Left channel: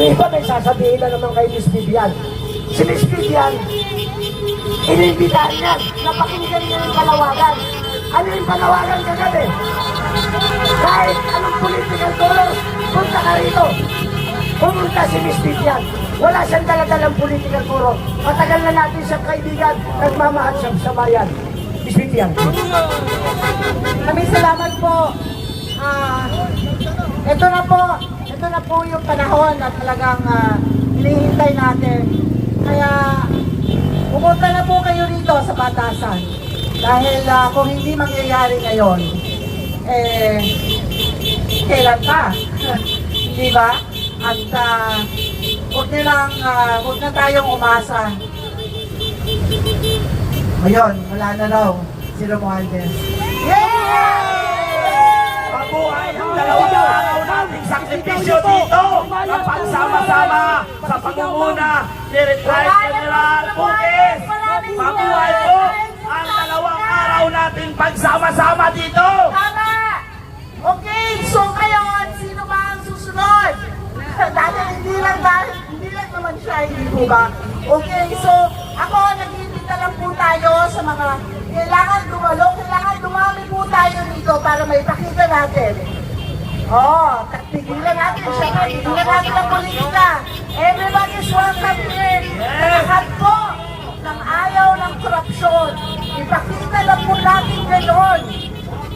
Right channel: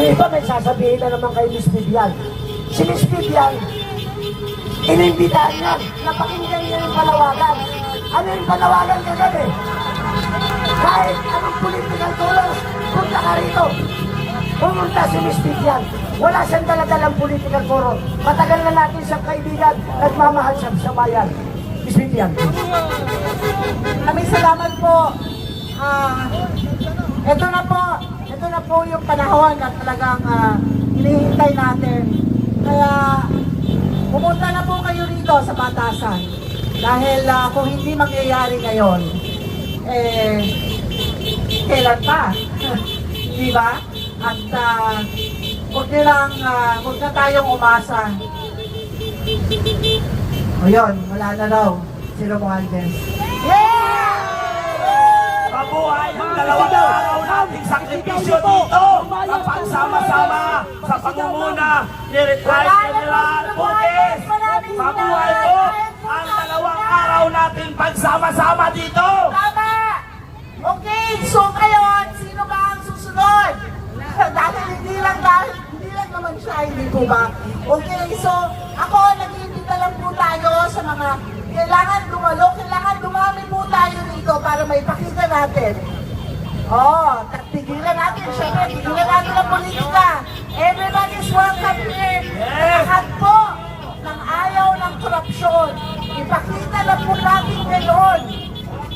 Iba may sasabihin na naman kay Miss Vivian. Si Miss Vivian, inimbitahan niya, napakinggan niya ng panawagan. Ano yung panawagan kagabi? Kahit anong political chorus, punta ka rito. Pumunta si Miss Vivian. Wala siyang daladalang political chorus. Matagal na natin siyang kaibigan at mamahal siya sa bayan. Miss Vivian. Maraming salamat po. Ah, ito na po, po yung panahon na talagang uh, hinihintay natin. Kaya pumunta na po kayo rito sa batasan. Dahil ah, kung hindi mangyayari ngayon, eh, kailan pa? Di ba? At uh, huwag na lang, ah, huwag na tayong umasa. Ayun, wala na daw. Si Romualdez. Mabuhay ang dalawang araw nating sakripisyo dito na pagsama-sama sa pangunguna ni Retired General Pugis. Mabuhay po ang dalawang araw natin pagsama-sama dito. Tama! Okay, so ngayon, sino ba ang susunod? Dahil hindi lang ba, hindi lang naman siya, hindi ko ba? Okay, so ako, nag-iimbita lang po tayo sa mga kailangan dumalo, kailangan dumami po tayo dito para may pakita natin. Oh, tigilan natin siya, tigilan natin ang politika. Everybody is welcome here. Lahat po ng ayaw ng korupsyon. Ipakita lang po natin gano'n.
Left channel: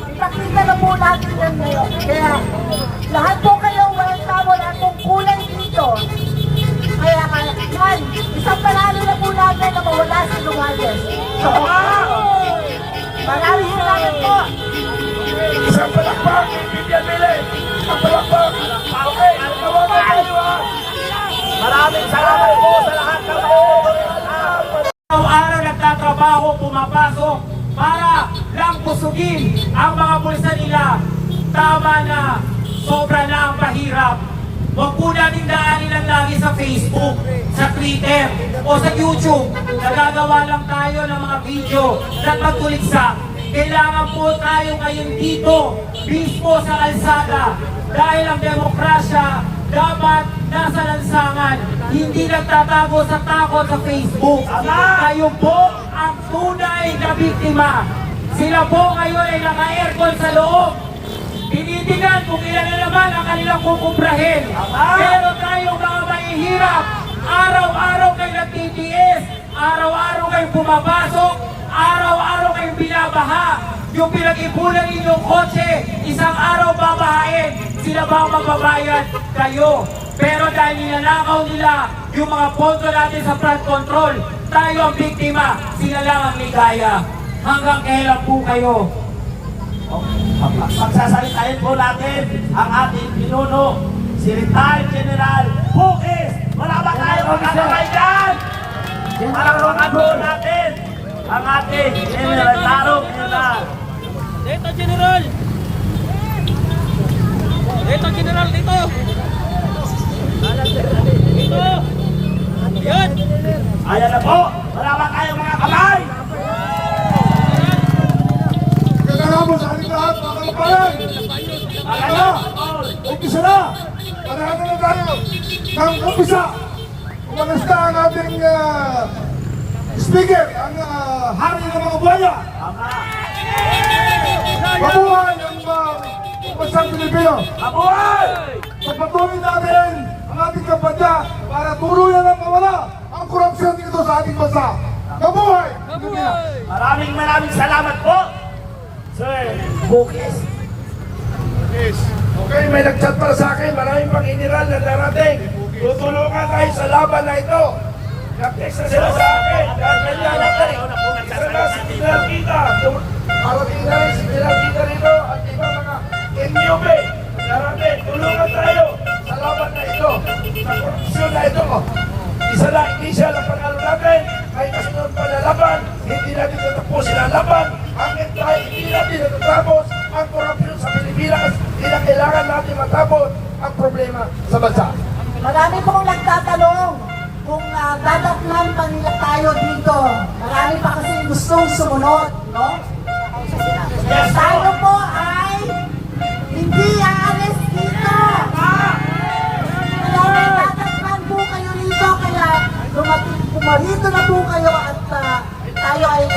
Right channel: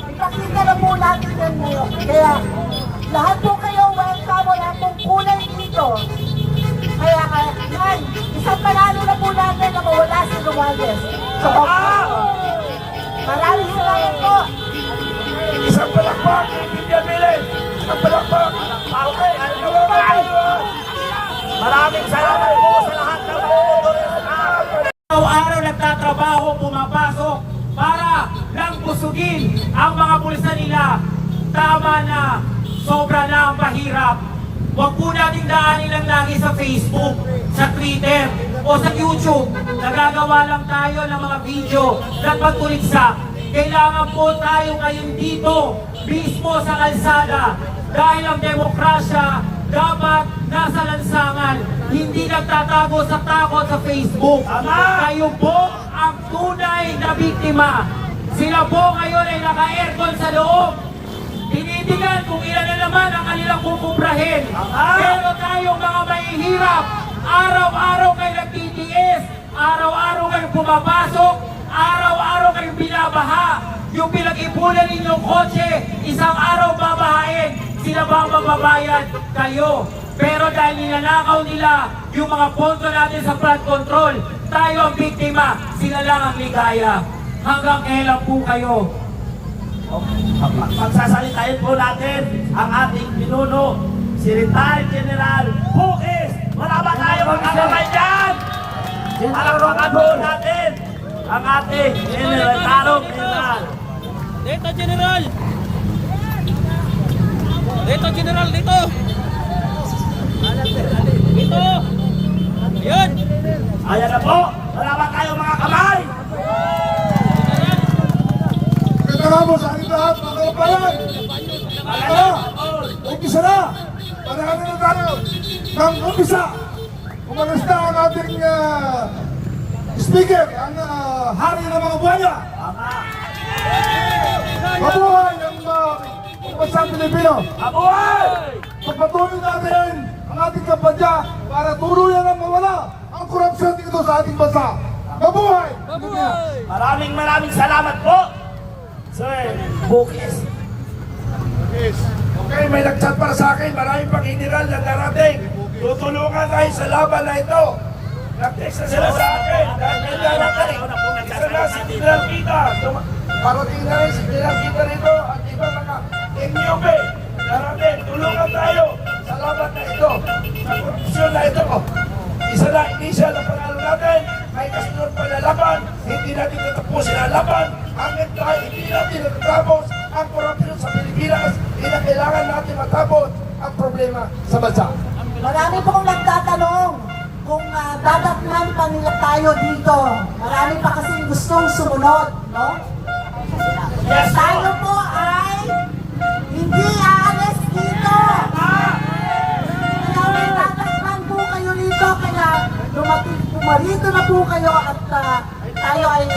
Ipakita lang po natin gano'n. Kaya lahat po kayo, walang tao, lahat pong kulay dito. Kaya man, isang panalo na po natin na mawala sa Lumales. So, busugin ang mga bulsa nila. Tama na, sobra na ang mahirap. Huwag po natin daanin lang lagi sa Facebook, sa Twitter, o sa YouTube. Nagagawa lang tayo ng mga video na pagkuliksa. Kailangan po tayo ngayon dito, mismo sa kalsada. Dahil ang demokrasya dapat nasa lansangan, hindi nagtatago sa takot sa Facebook. Kayo po ang tunay na biktima. Sila po ngayon ay naka-aircon sa loob. Tinitingnan kung ilan na naman ang kanilang kukubrahin. Pero tayo mga mahihirap, araw-araw kayo nagtitiis, araw-araw kayong pumapasok, araw-araw kayong binabaha. Yung pinag-ipunan ninyong kotse, isang araw babahain, sila ba ang magbabayad? Kayo. Pero dahil ninanakaw nila yung mga pondo natin sa flood control, tayo ang biktima, sila lang ang ligaya. Hanggang kailan po kayo Pagsasalitain po natin ang ating pinuno, si retired General Pukis. Wala ba tayo magkakaroon dyan? Palakpakan po natin ang ating General Taro General. Dito, General! Dito, General, dito! Dito! Ayan! Ayan na po, bansang Pilipino. Mabuhay! Pagpatuloy natin ang ating kampanya para tuluyan ang mawala ang korupsyon dito sa ating bansa. Mabuhay! Pilipino. Maraming maraming salamat po. Sir Bukis. Yes. Okay, may nagchat para sa akin. Maraming pang general na darating. Tutulungan tayo sa laban na ito. Nag-text na sila sa akin. Dahil may darating. Isa na si General Kita. Parating na rin si General Kita rito. NUB. Darating. Tulungan tayo sa laban na ito. Sa korupsyon na ito. Isa na, siya na panalo natin. May kasunod pa na laban. Hindi natin natapusin ang laban. Hanggang tayo hindi natin natatapos ang korupsyon sa Pilipinas. Kailangan natin matapos ang problema sa bansa. Marami pong nagtatanong kung uh, dadatnan pa nila tayo dito. Marami pa kasi gustong sumunod, no? Yes, Tayo po uh, dito na po kayo at uh, tayo ay...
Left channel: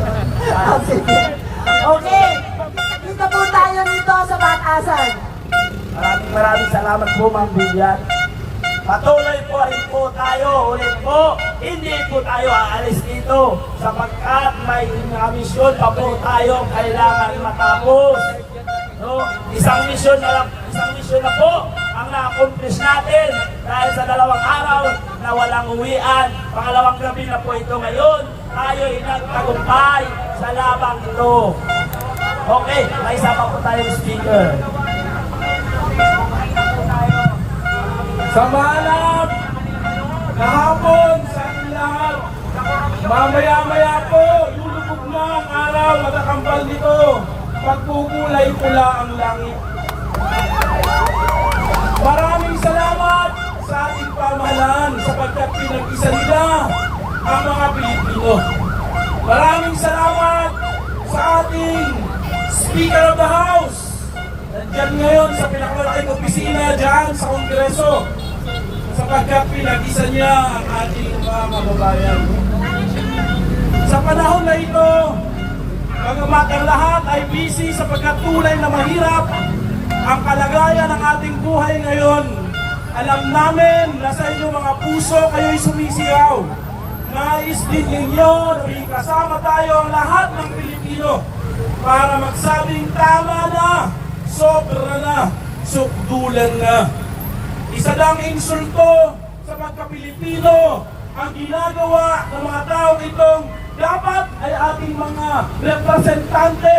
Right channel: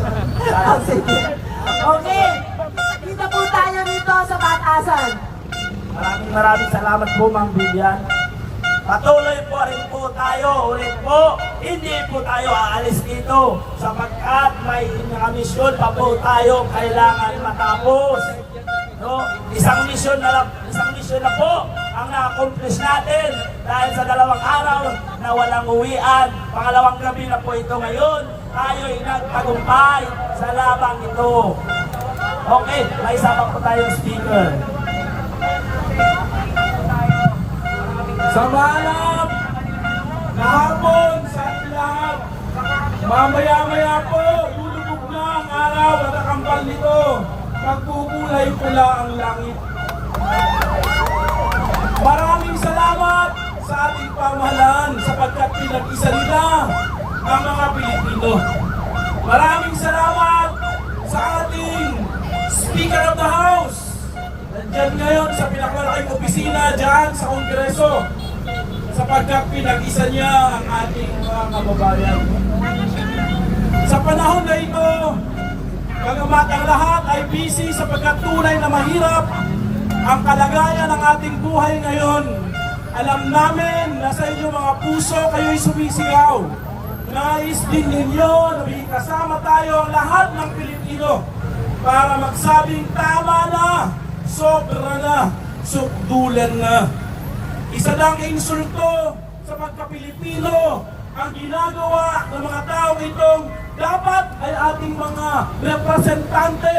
Uh, okay. Dito po tayo dito sa Batasan. Maraming maraming salamat po, Mang Bilyan. Patuloy po rin po tayo ulit po. Hindi po tayo aalis dito sapagkat may mga misyon pa po tayo kailangan matapos. No? Isang misyon na lang, isang misyon na po na-accomplish natin dahil sa dalawang araw na walang uwian. Pangalawang gabi na po ito ngayon. Tayo ay nagtagumpay sa labang ito. Okay, may isa pa po tayong speaker. Sa malam, kahapon, sa lahat, mamaya-maya po, lulubog na ang araw at ang nito. Pagpupulay pula ang langit. Maraming salamat sa ating pamahalaan sapagkat pinag-isa nila ang mga Pilipino. Maraming salamat sa ating Speaker of the House. Nandyan ngayon sa pinakalaking opisina dyan sa Kongreso sapagkat pinag-isa niya ang ating mga kababayan. Sa panahon na ito, ang lahat ay busy Alam namin na sa inyong mga puso kayo'y sumisigaw. Nais din ninyo na kasama tayo ang lahat ng Pilipino para magsabing tama na, sobra na, sukdulan na. Isa lang insulto sa pagka-Pilipino ang ginagawa ng mga tao itong dapat ay ating mga representante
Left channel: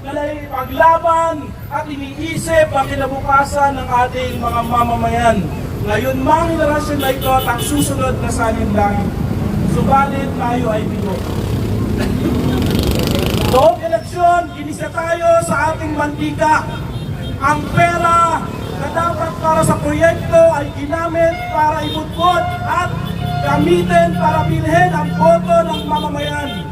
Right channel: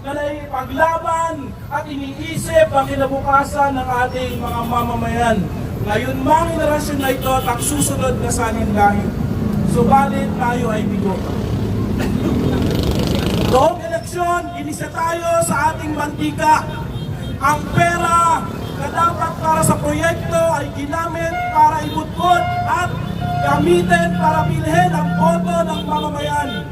na naipaglaban at iniisip ang kinabukasan ng ating mga mamamayan. Ngayon mang henerasyon na ito at susunod na salinlahi. Subalit tayo ay bigo. Noong eleksyon, inisa tayo sa ating mantika. Ang pera na dapat para sa proyekto ay ginamit para ibutbot at gamitin para bilhin ang boto ng mamamayan.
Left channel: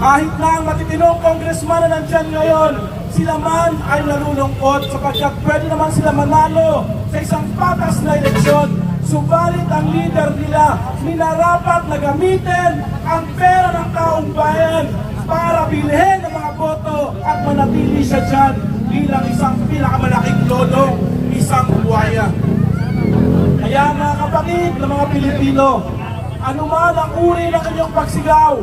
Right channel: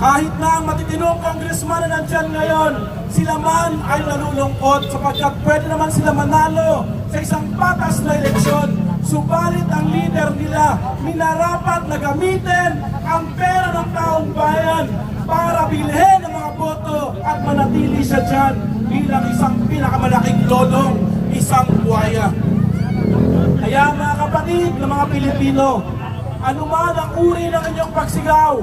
Kahit na ang matitinong congressman na nandyan ngayon, sila man ay nalulungkot sapagkat pwede naman sila manalo sa isang patas na eleksyon. Subalit ang leader nila, minarapat na gamitin ang pera ng taong bayan para bilhin ang mga boto at manatili siya dyan bilang isang pinakamalaking lolong, isang buhaya. Kaya mga kapatid ng mga Pilipino, anuman ang uri ng inyong pagsigaw,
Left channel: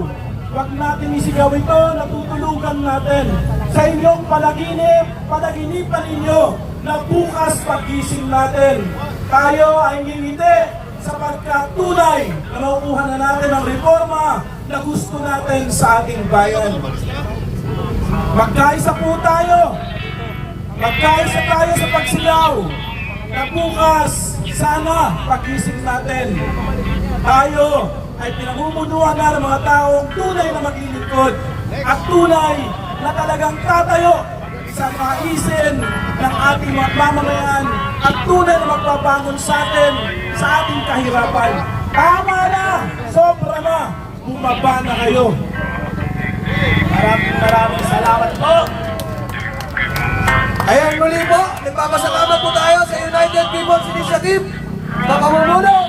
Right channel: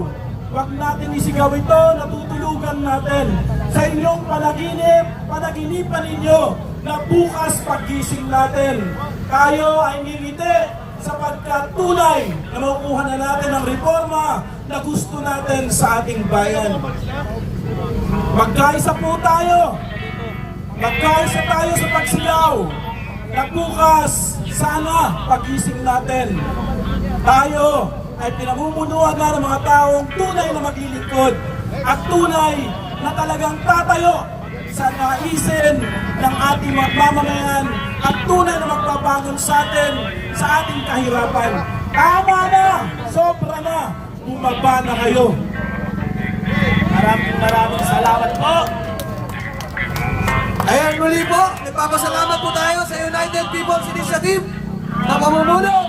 huwag natin isigaw ito, natutulugan natin. Sa inyong palaginip, panaginipan ninyo na bukas paggising natin. Tayo ay ngingiti sapagkat tunay na makukuha na natin ang reforma na gusto natin sa ating bayan. Magkaisa po tayo. Magkaisa tayo sa pagsigaw na bukas sana pagising natin. Tayo ay pinamumunuan na ng mga taong tunay na maglilingkod at tunay na talagang tatayo sa mga isin ng ating mga mamamayan at tunay na magbabangon sa atin sa ating kahirapan. Tama na! Sobra na! Bumaba na kayo! Maraming maraming salamat po. Ayan muli po, nagpapasalamat po tayo sa United People's Initiative na pamumuno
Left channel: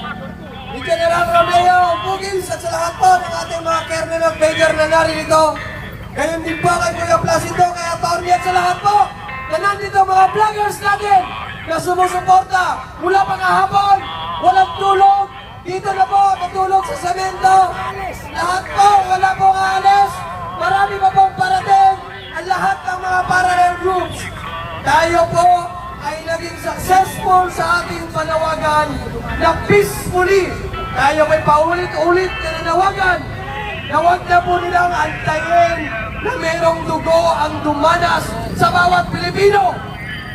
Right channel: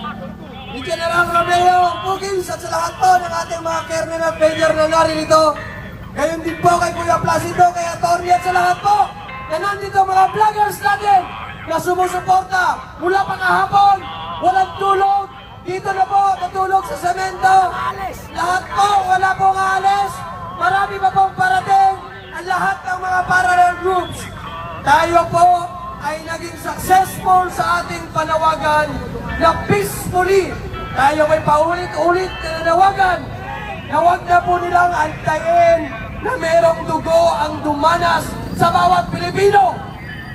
General Bugins at sa lahat po ng ating mga kernel at major na naririto. Gayon din po kay Kuya Placido, kay Atty. at sa lahat po na nandito mga vloggers natin na sumusuporta mula pa kahapon, walang tulog, dito na po matulog sa semento. Lahat po, wala pong alis. Marami pa pong parating ang lahat ng mga parallel groups. Tayo po ay naging successful sa ating panawagan na peacefully. Tayo ay paulit-ulit na nanawagan na huwag na po nilang antayin na merong dugo ang dumanas sa bawat Pilipino.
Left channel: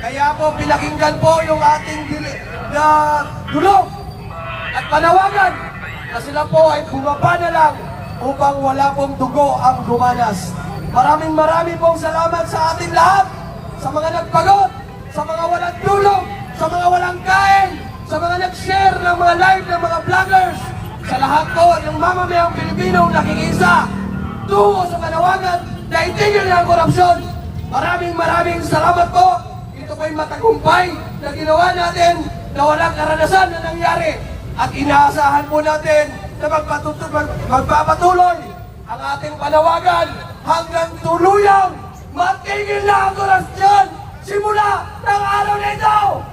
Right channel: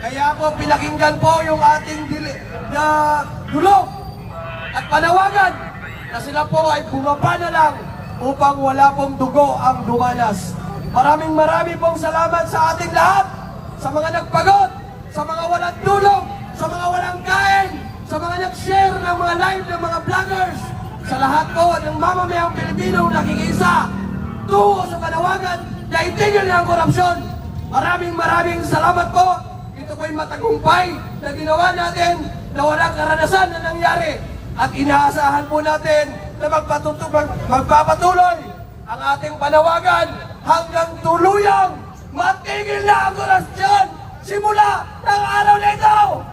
Kaya po pinakinggan po yung ating dili, na dulog at panawagan na sila po ay bumaba na lang upang wala pong dugo ang dumanas. Maraming maraming pong salamat sa ating lahat, sa mga nagpagod, sa mga walang tulog, sa mga walang kain, sa mga nag-share ng mga live ng mga vloggers, sa lahat po ng mamamayang Pilipino nakikisa tungo sa panawagan na itigil ang korupsyon. Maraming maraming salamat po. Ito po'y matagumpay na ginawa natin na walang karanasan na nangyari. At inaasahan po natin na magpapatuloy ang ating panawagan hanggang tuluyang matigil na ang korupsyon simula ng araw na ito!